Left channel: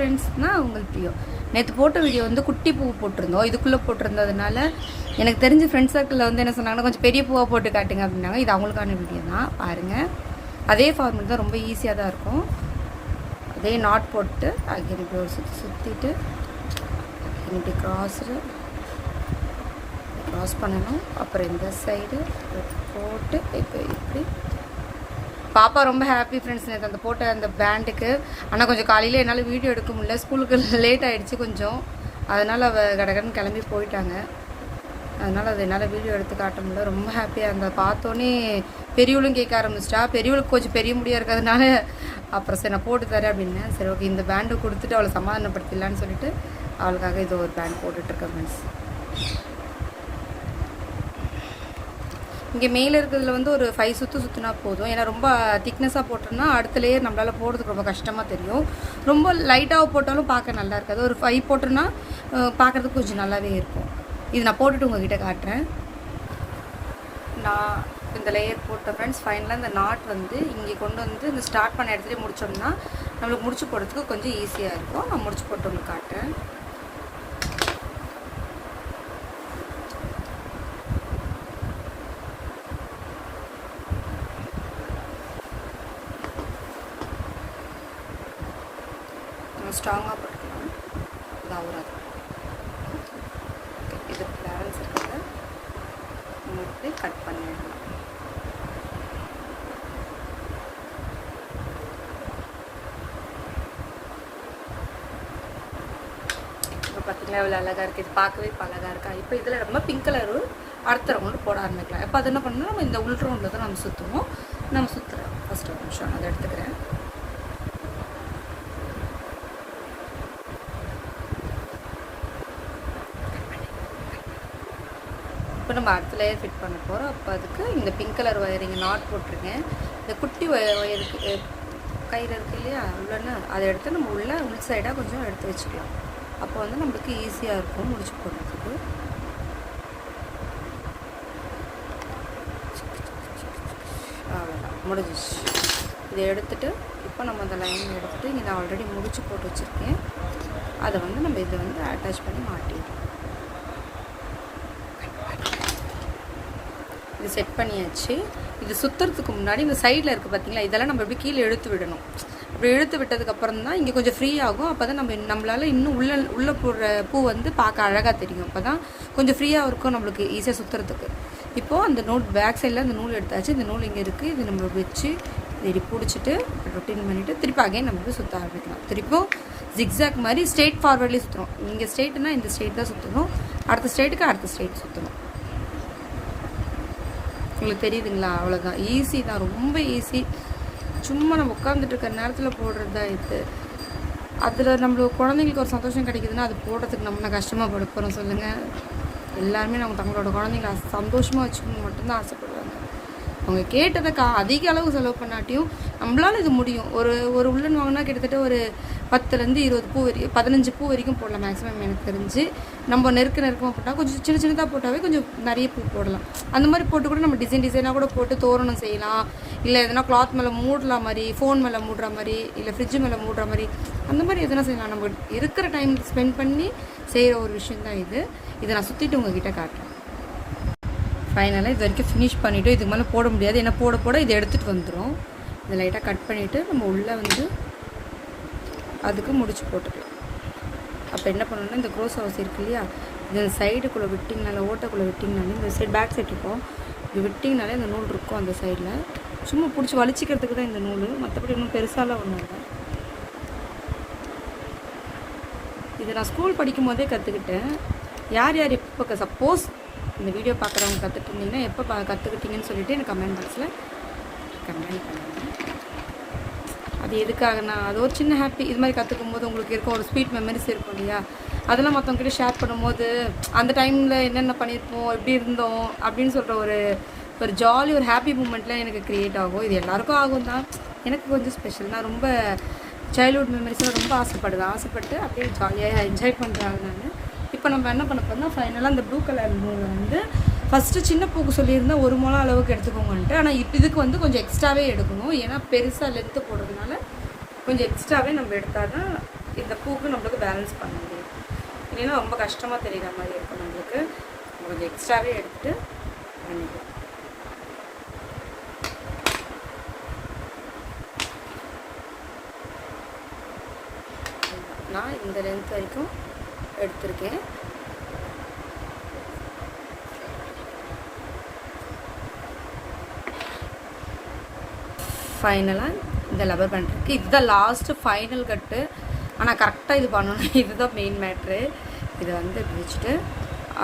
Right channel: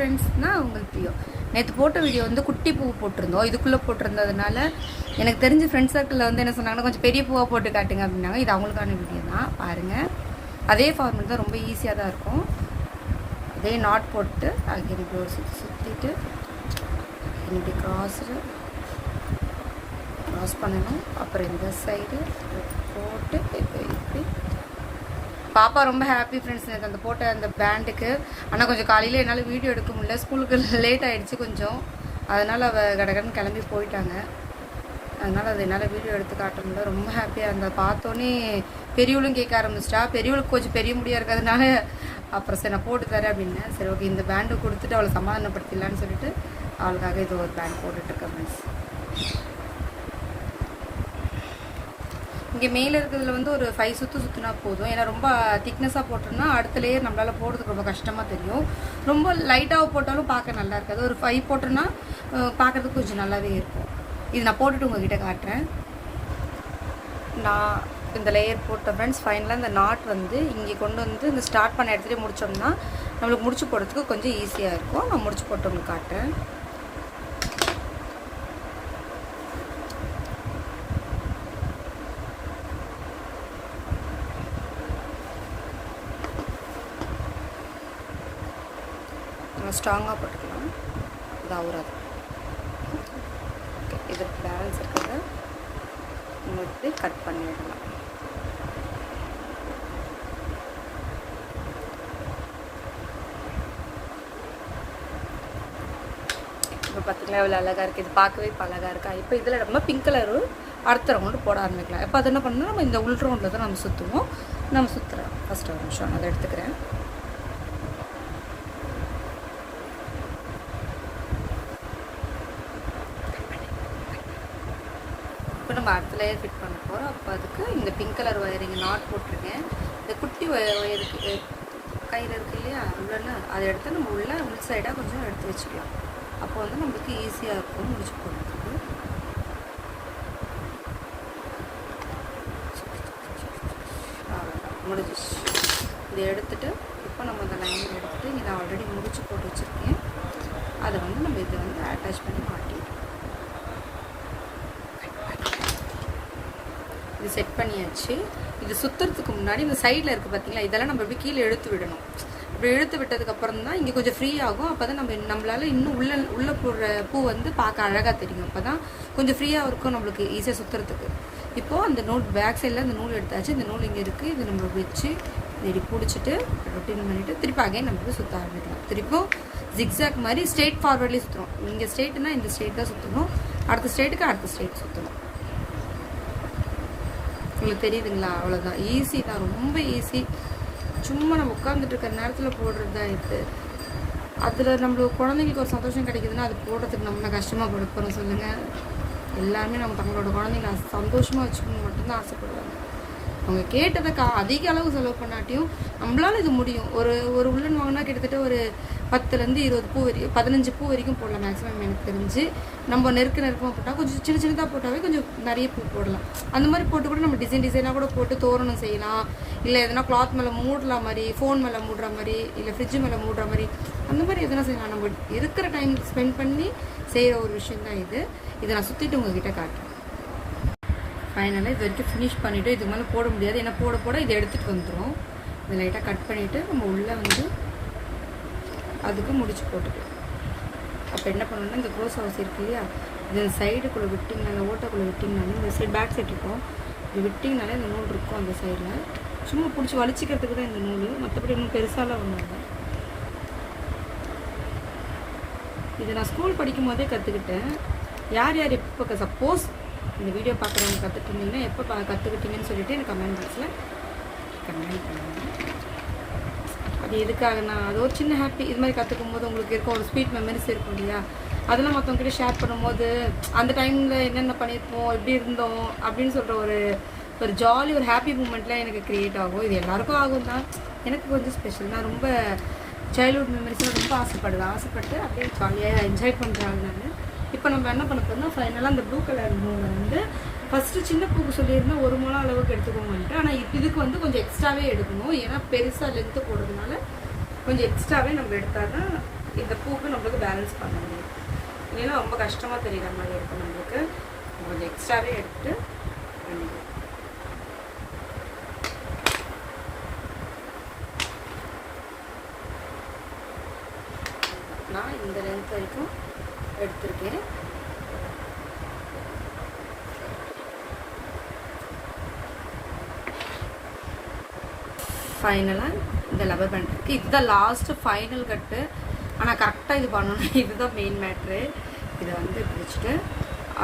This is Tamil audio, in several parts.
ஃப்ரெண்ட்ஸ்னால் உங்களுக்கு தெரியும். நேற்று போட்ட வீடியோ வந்து குட்டி பூ போட்டிருந்தோம். இதுக்குள்ளே போட்டிருந்ததுனால எனக்கு தெரிஞ்ச ஃப்ரெண்ட்ஸ் சர்க்கிளில் வந்து என்ன சொன்னாங்கன்னா, கொஞ்சம் பெரிய பூவாக போட்டு காட்டுங்க அப்படின்னாங்க. இது அவங்களுக்கான வீடியோ தான், பாருங்கள். அதே ஃபார்மெட் தான், ரொம்ப ஈஸியாக தான் இருக்கும். அதே நாட் போட்டு அங்கே இப்படி ஒரு சுற்றிட்டு இப்படி க்ராஸ் பண்ணணும். அப்புறம் இந்த சைடு போட்டு இப்படி பாப்பா ரொம்ப ஹாப்பி ஃப்ரெண்ட்ஸ். எனக்கு அந்த போட்ட அந்த பேண்டுக்கு. ஆனால் கொஞ்சம் காலையில் என்னால் வீடியோ எடுக்க முடியல, ஸ்கூலுக்கு லேட் ஆகிடுச்சு கொஞ்சம். அதனால் அவள் கடகடன்னு கிளம்பி போயிட்டாங்க. அதனால் அது என்னால் வீடியோ எடுத்து காட்ட முடியல. ரொம்ப ஹாப்பியாக அந்த பார்த்தோன்னே பெரியவளும் கேட்க ஆரம்பிச்சிட்டா. பெரியவளுக்கு கொஞ்சம் பெரிய முடியாக இருக்கிறதுனால அப்புறம் சரி நான் போட்டு தரேன் அப்படின்னு. சரி ஓகே, இந்த பேண்டு கொடுத்துட்டு அவளை சமாதானப்படுத்திடலான்னு சொல்லிட்டு அவளுக்காக இது ஒரு பேண்ட் போட்டுட்ருக்கேன் ஃப்ரெண்ட்ஸ். இங்கே மேலே இருக்கிறதுல வந்து ஒரு 5 சுற்றினா போதும். ஏன்னா ரொம்ப திக்னஸாக போட்டோம்னா அடுத்த லேயர் நம்மளால் போடுறதுக்கு ரொம்ப கஷ்டமாக தெரியும். ரொம்ப லைட்டாக போட்டாலும் பார்க்க நல்லா இருக்காது. ஒரு 5 போட்டோன்னா பார்க்குறதுக்கு கொஞ்சம் நல்லாவே இருக்கும். இது நான் போட்டுட்டு உங்ககிட்ட காட்டுறேன். நான் இந்த லேயர் போட்ட ஃப்ரெண்ட்ஸ், ஃபைனலாக இந்த நாட் வந்து இங்கே கொண்டு வந்து இந்த ஸ்டார்ட் பண்ண இடத்துல முடிச்சோம்னா நம்மளுக்கு முடிச்சு போடுறதுக்கு கொஞ்சம் ஈஸியாக இருக்கும். நான் முடிச்சு போட்டு உங்களுக்கு காட்டுறேன். ஸ்ட்ராங்காக போட்டுக்கலாம், இது ஆகுறாது. இது பேலன்ஸ் இருக்கிறத உங்களுக்கு கட் பண்ணிடலாம். இப்போ பார்த்திங்களா இவ்வளோ அழகாக இருக்குது. இது பார்க்கவே இப்போ அழகாக இருக்கா. இப்போ இதில் நம்ம பிங்க் கலரும் அடுத்த ரவுண்டு போட ஆரம்பிக்கலாம். இப்போ அது என்ன பண்ணணும், நம்ம இந்த உள் ரவுண்டில் தான் நம்ம சுற்றுவோம். நம்ம சுற்றுறோம். ஃபஸ்ட்டு ஒரு நிமிஷம் அதை எடுத்துக்கிறேன். இப்போ நம்ம அடுத்த லேயர் ஃபிட் பண்ண போகிறோம். அப்போ அதுக்கு இந்த பிங்க் கலர் ஒயரிங் நாட் போட்டிருக்கேன். இந்த குட்டி ஒயருக்கு கயிறு இருக்கு இல்லையா, உள்ளன்னா அதை எடுத்து நம்ம உள்ள இந்த சைடாக கொஞ்சம் எடுத்து வச்சுக்கலாம். அப்போ வந்து நம்மளுக்கு ஈஸியாக இருக்கும் முடிச்சு போடுறதுக்கு. முடிஞ்சிச்சு. இதை எடுத்துகிட்டு இப்போ நம்ம அந்த லைன் எடுத்துகிட்டு இங்கே நான் ஆல்ரெடி முடிச்சு போட்டு வச்சுருக்கேன். அதை வந்து நம்ம இதை வந்து அட்டாச் பண்ணி மாட்டிடுவோம். இது செட் பண்ணியாச்சு. இது சுற்றுறதுக்கு முன்னாடி இந்த சைடில் இருக்குது பார்த்தீங்களா, இதெல்லாம் நம்ம எப்படி கீழே இழுத்து விடணும். அப்படி இழுத்து விட்டதுக்கப்புறம் தான் இங்கே கொஞ்சம் ஃப்ரீ ஆகும். அப்போ தான் நம்மளால் இன்னும் உள்ளே போடுற பூ வந்து பார்க்க அழகாக தெரியும். அப்போ தான் கொஞ்சம் ஃப்ரீயாக இருக்கும் நம்மளுக்கு ஈஸியாக சுற்றுறதுக்கு. இப்போது அந்த நூல் பேக் சைடில் அந்த நூல் எடுத்தாச்சு. இந்த நூல் இங்கே இருக்குது. இது நம்ம வச்சு இப்படி பிடிச்சிட்டு ரொட்டீன் பண்ணிவிட்டு திருப்பி அகைன் நம்மளுக்கு சுற்ற ஆரம்பிக்கலாம். திருப்பியும் ஜிக்ஸாக் மாதிரி ஸ்ட்ரெயிட் ஃபார்வர்ட்லேயே சுற்றுறோம். இங்கே ஸ்ட்ரெயிட்னா இந்த ஸ்ட்ரெயிட் தான் சுற்றணும், அடுத்த ஸ்ட்ரெயிட்டுக்கு அடுத்த ஸ்ட்ரெயிட் சுற்றணும். உங்களுக்கு தெரியுதுங்களா? அவ்வளோதான், ஈஸி தான், ரொம்ப ஈஸி. சும்மா நம்ம உட்காந்துட்டு இருக்கிற நேரத்தில் போடுறது தான் இது. அதில் நம்மளுக்கு குழந்தைங்களுக்கு ஒரு சந்தோஷம் கிடைக்குதுன்னா அது போடுறதுக்கு நம்ம கஷ்டமாக படுக்கிறோம் சொல்லுங்கள். எல்லாருமே நம்ம தங்களோட குழந்தைங்களை சந்தோஷமாக வச்சுக்கணும் மட்டும்தான் ஆசைப்படுவாங்க. அவங்க கேட்டதை அதிக அளவு செலவு பண்ணாட்டியும் நம்மளால் இது முடியும். ஒரு உள்ளன் வாங்கினா கிட்டத்தட்ட ஒரு 10லேருந்து 20 பூ 15 பூ வரைக்கும் போடலாம் மேக்ஸிமம் எனக்கு தெரிஞ்சு. நம்ம நெருக்கமாக போட்டால் கொஞ்சம் சின்னதாக போட்டாவே கொஞ்சம் நிறைய பூ போடலாம். அந்த மாதிரி போட்டு கூட நம்ம டிசைனாக கூட போட்டு தோரணம் செய்யலாம். இல்லை எதனா கிளாத் மேலே மூடலாம் மாதிரி, ஃபோன் மேலே மூடுற மாதிரி, இல்லை ஃப்ரிட்ஜு மேலே மூடுற மாதிரி, அந்த மாதிரி எதனா செய்யலாம். நம்ம இருக்கிற டைம் ஸ்பெண்ட் பண்ணி செய்கிற ஒரு விஷயம் தான் இது. இதை நான் சுற்றிட்டு உங்ககிட்ட காட்டுறேன். ஃபைனலாக இது வரைக்கும் ஃபினிஷ் பண்ணிவிட்டு இதுக்கு மேலே போட முடியாது. ஏன்னா போட இதை எடுத்துகிட்டு வந்துடும். இதை லைட்டாக கட் பண்ணிவிட்டு நம்ம உள்ளே வந்து அதுக்கு முடிச்சு போட்டுட்டு அப்போ என்ன பண்ணணும்னா இந்த கோஸ் ஹவுஸ் இருக்கு இல்லையா, இது சைடுக்குள்ளே விட்டிங்கனால ஓட்டக்குள்ளே விட்டிங்கனாலும் இந்த சைடு பேக் சைடு இருக்கும். இது விட்டிங்கனால இந்த நூல் இருக்கும் அந்த சைடில். சும்மா பிடிச்சி வலிச்சிக்கிறதுக்கு தான் இந்த நூல், மற்றபடி இன்னும் பெருசாலாம் ஒன்றும் இல்லை. இதை நான் ஸ்கூல் படிக்கும் போதே கற்றுக்கிட்டேன். யார் எப்போ சப்போஸ் இந்த வீடியோ பார்க்குறவங்க கற்றுட்டு இருந்தீங்கன்னா எப்போ கற்றுக்கிட்டீங்கன்னு சொல்லிவிட்டு எனக்கு கமெண்ட் பாக்ஸில் கமெண்ட் பண்ணுவாங்க. அது எதுக்காக நான் அது ஒரு சின்ன ஹாப்பி. இது மாதிரி கற்றுக்கும் போது உங்களுக்கு இருக்கும் ஒரு ஸ்வீட் மெமரிஸ் இருக்கும் இல்லையா, அதெல்லாம் மற்றவங்ககிட்ட ஷேர் பண்ணும்போது அந்த டைமில் என்னென்ன பண்ணியிருப்போம், எப்படி இருந்தோம் அப்படின்னு சொல்கிற ஒரு ஜாலி ஒரு ஹாப்பி மூமெண்ட்லாம் எனக்கு க்ரியேட் ஆகும். இது எல்லாருக்கும் ஆகும் தான், எனக்கு கொஞ்சம் ஸ்பெஷல். நான் ரொம்ப சைல்ட்ஹுட் மெமரிஸில் ரொம்ப ஆசைப்பட்டு அப்படியே ஜாலியாக என்ஜாய் பண்ணுறாங்க. நான் இப்போ நம்ம என்ன பண்ண போகிறோம்னா ஃபைனலாக அந்த ப்ளூ கலர் நூல் வந்து ஃபஸ்ட்டு சின்ன பூக்கு சொல்லியிருந்தால் 1 முழம் அளவுக்கு எடுத்துக்கோங்கன்ட்டு. ஆனால் இதுக்கு வந்து கொஞ்சம் எக்ஸ்ட்ராவே எடுக்கணும். ஏன்னா பெருசாக லென்த்து போடுறதுனால கொஞ்சம் எக்ஸ்ட்ராவே நம்ம எடுத்தால் தான் இந்த பூக்கு நம்மளுக்கு பேலன்ஸ் பண்ண முடியும். இல்லைன்னா ரொம்ப கஷ்டமாக தெரியுற மாதிரி இருக்கும். நம்மளுக்கு கொஞ்சம் எக்ஸ்ட்ராவே எடுத்துட்டு பண்ணிக்கலாம். நான் இந்த லென்த் வரைக்கும் எடுத்திருக்கேன். ஃபைனலாக இந்த லப்பர் பேண்ட் இருக்குது. இதுதான் லாஸ்ட்டு ஃபைனல் கட்டு. ஆனால் கரெக்டாக இது பண்ணணும். இதுதான் மெயின் மேட்ரு. இதை வந்து பிடிச்சிட்டு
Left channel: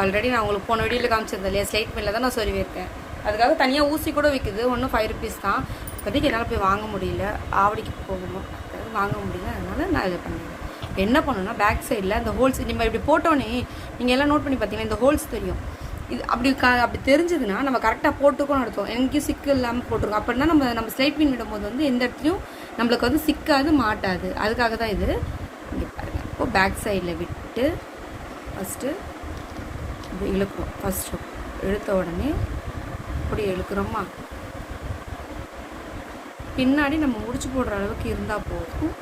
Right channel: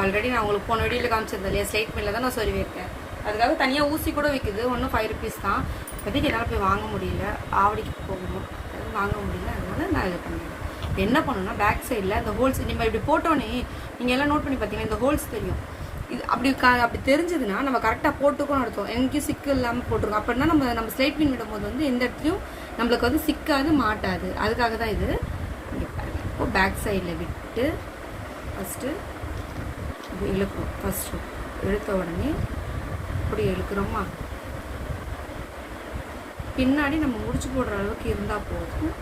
ஆல்ரெடி நான் உங்களுக்கு போன வீடியோவில் காமிச்சிருந்தேன் இல்லையா, ஸ்லைட் மில்லில் தான் நான் சொல்லியிருக்கேன். அதுக்காக தனியாக ஊசி கூட விற்குது. ஒன்றும் 5 rupees தான். இப்போதைக்கு என்னால் போய் வாங்க முடியல, ஆவடிக்கு போகணும், வாங்க முடியல. அதனால நான் இதை பண்ணுறேன். என்ன பண்ணணும்னா பேக் சைடில் இந்த ஹோல்ஸ் நீங்கள் இப்படி போட்டோன்னே நீங்கள் எல்லாம் நோட் பண்ணி பார்த்தீங்கன்னா இந்த ஹோல்ஸ் தெரியும். இது அப்படி தெரிஞ்சதுன்னா நம்ம கரெக்டாக போட்டுக்கணும் அர்த்தம். எங்கேயும் சிக்கு இல்லாமல் போட்டிருக்கோம். அப்படின்னா நம்ம ஸ்லைட் பின் இடும்போது வந்து எந்த இடத்துலையும் நம்மளுக்கு வந்து சிக்காது, மாட்டாது. அதுக்காக தான் இது. இப்போ பேக் சைடில் விட்டு ஃபஸ்ட்டு இப்படி இழுக்கும். ஃபஸ்ட்டு இழுத்த உடனே இப்படி இழுக்கிறோமா, பின்னாடி நம்ம முடிச்சு போடுற அளவுக்கு இருந்தால் போதும்.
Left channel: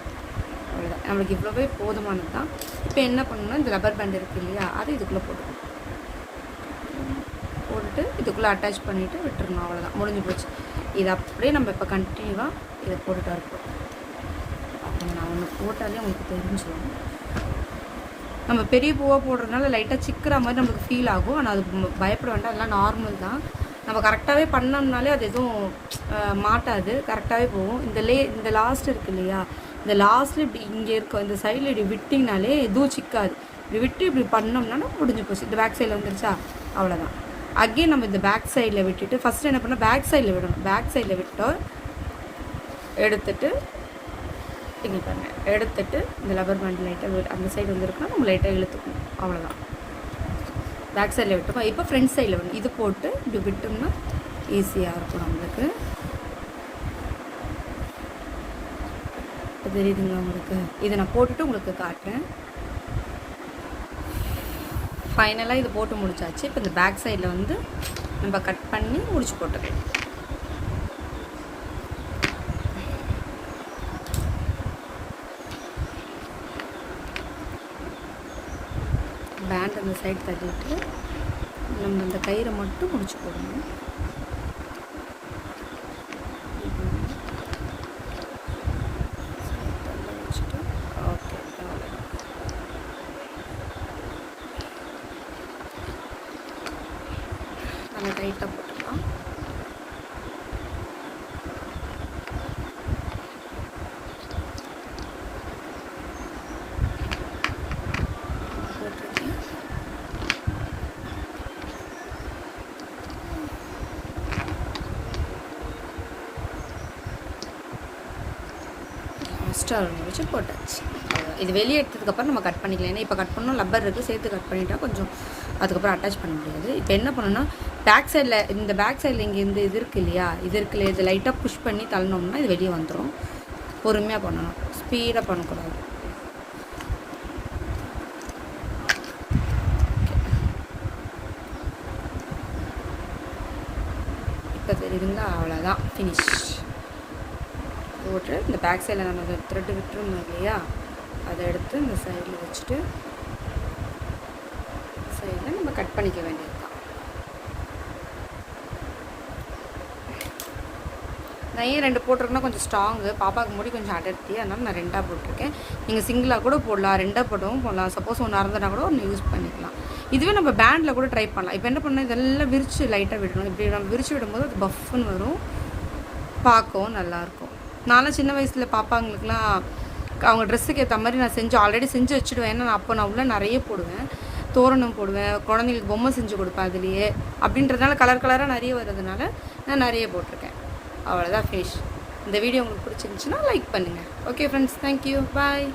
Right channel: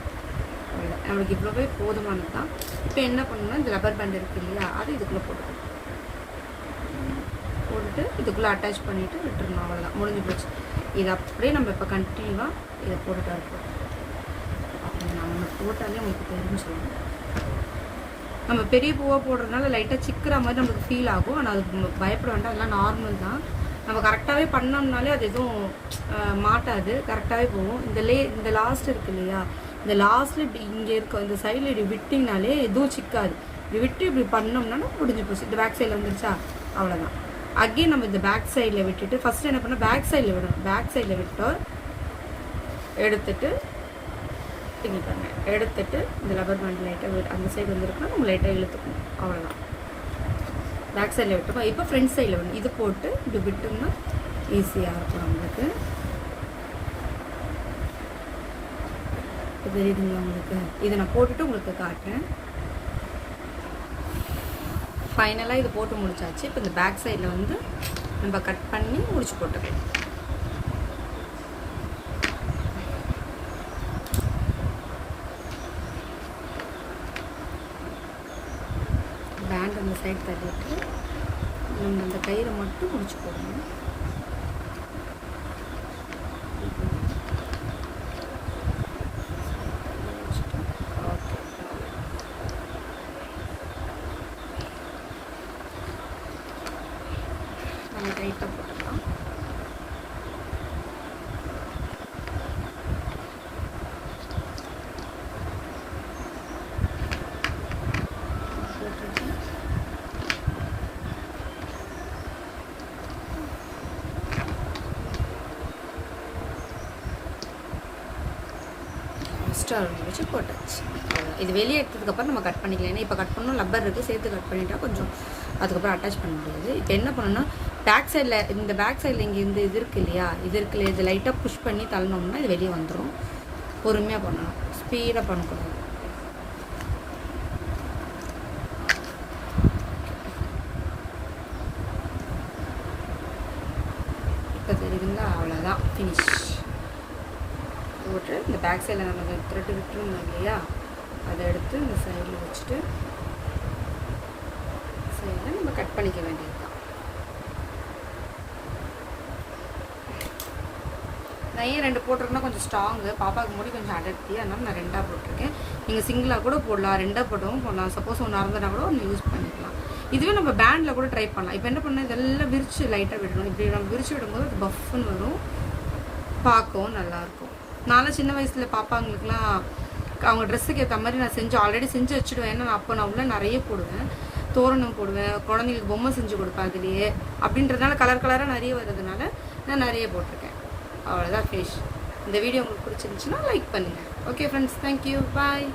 நம்மளுக்கு இவ்வளோவே போதுமானது தான். இப்போ என்ன பண்ணணும்னா இந்த ரப்பர் பேண்ட் இருக்குது இல்லையா, அது இதுக்குள்ளே போட்டுக்கணும். போட்டு இதுக்குள்ளே அட்டாச் பண்ணிவிட்டு விட்டுருணும். அவ்வளோதான், முடிஞ்சு போச்சு. இது அப்படியே நம்ம இப்போ கண்டினியூவாக இதை போட்டுட்டா இருக்கோம். நான் ஒன்று போட்டாலே அவங்களுக்கு தெரிஞ்சு சொல்லுவேன். நம்ம பெரிய பூவாக போடுறதுனால லைட்டாக சிக்கிற மாதிரி நம்மளுக்கு ஃபீல் ஆகும். ஆனால் அது பயப்பட வேண்டாம், அதெல்லாம் நார்மல் தான். நம்ம கரெக்டாகவே பண்ணோம்னாலே அது எதுவும் மாட்டாது, கரெக்டாகவே போகும். இந்த லாஸ்ட் இருக்குது இல்லையா, இந்த லாஸ்ட்டில் இப்படி இங்கே இருக்க இந்த சைடில் இப்படி விட்டிங்கனாலே எதுவும் சிக்காது. இப்படி விட்டு இப்படி பண்ணோம்னா முடிஞ்சு போச்சு. இந்த பேக் சைடில் வந்துருச்சா, அவ்வளோதான். அகெயின் நம்ம இந்த பேக் சைடில் விட்டுட்டு ஃபஸ்ட்டு என்ன பண்ணால் பேக் சைடில் விடணும். பேக் சைடில் விட்டு எடுத்துட்டு எடுத்துட்டு இந்த ரப்பர் பேண்ட் லைட்டாக அந்த சைடு வந்துருக்கோம், நம்ம லைட்டாக இழுத்துக்கணும். அவ்வளோதான். பேக் சைடில் விட்டுப்போம். இப்போ ஃப்ரண்ட் சைடில் வந்து இது போட்டு இப்படி விட்டோம்னா ஈஸியாக இருக்கும் நம்மளுக்கு. தெரியுதுங்களா உங்களுக்கு? இதை நான் போட்டுட்டு உங்களுக்கு காட்டுறேன். ஃபைனலாக இது போட்டு முடிச்சாச்சு. இப்போ இந்த பேக் சைடில் வந்து நம்ம கட் பண்ணி முடிச்சு போட்டுக்கலாம். பேண்ட் அந்த சைடு தள்ளிட்டு இந்த கயிறை மட்டும் முடிச்சு போடணும். நம்ம டைட்டாக போட்டுக்கலாம். ஸ்டார் வச்சு போட்டாச்சு. இது வெளியே எடுத்ததுக்கப்புறம் நம்ம கட் பண்ணிக்கலாம். ஏன்னா இப்போ கட் பண்ணோம், லப்பர் இருக்குது, சேர்த்து கட் பண்ணிட்டா கொஞ்சம் அதுக்கப்புறம் அட்டாச் பண்ண முடியாது. இப்போ என்ன பண்ணணும்னா பேக் சைடில் இந்த பேக் சைடில் இங்கே இது இருக்குது இல்லையா, இது இருக்குல்ல, இது லைட்டாக புஷ் பண்ணி தள்ளணும்னா இது வெளியே வந்துடும். பொறுமையாக பண்ணணும், ஸ்பீடாக பண்ணக்கூடாது. இப்போ தெரியுதுங்களா, அவ்வளோதான், ஃபினிஷ். போட்டு இந்த பேக் சைடில் நம்ம த்ரெட்டு விட்டுருந்தோம் இல்லையா, அதை எடுத்து இந்த சைடில் வச்சுட்டு சைடில் நம்ம கட் பண்ணிக்க வேண்டியது. நான் ஏன் 2 போட்டிருக்கேன்னா கொஞ்சம் ஸ்ட்ராங்கு, பாப்பாவுக்கு முடி கொஞ்சம் அடர்த்தி, அதனால நான் 2ஆக போட்டிருக்கேன். நீங்கள் சிங்கிளாக கூட போடலாம், 2ஆக போட்டவும் போடலாம். சப்போஸ் ஒன்று அறந்துனா கூட ஒன்று யூஸ் பண்ணிக்கலாம். இதுவே நம்ம பேண்டில் கூட ட்ரை பண்ணலாம். இப்போ என்ன பண்ணால் இதெல்லாம் விரித்து லைட்டாக விடணும். இப்படி நம்ம விரித்து விடும்போது அது பஃப்னு வரும், பார்க்கவும் நல்லாயிருக்கும். நானும் சின்ன வயசில் பாப்பாங்களுக்குலாம் அவங்க ட்ரெஸ்ஸுக்கு ஏற்ற மாதிரி நான் ஆல்ரெடி செஞ்சு வச்சுடுவேன். ஏன்னா நான் உள்ள நிறைய போடுவேன், தோரணம் போடுவேன், குழந்தைங்களுக்கு பொம்மை செஞ்சு கொடுப்பேன் அதுலேயே. அப்படின்றதுனால கலராக நிறைய வர்றதுனால நான் நிறைய போட்டிருக்கேன். அவ்வளோதான் ஃபேஷ். இந்த வீடியோ உங்களுக்கு பிடிச்சிருந்துச்சுன்னா லைக் பண்ணுங்கள். ஓகே ஃப்ரெண்ட்ஸ், தேங்க்யூ, பாய்.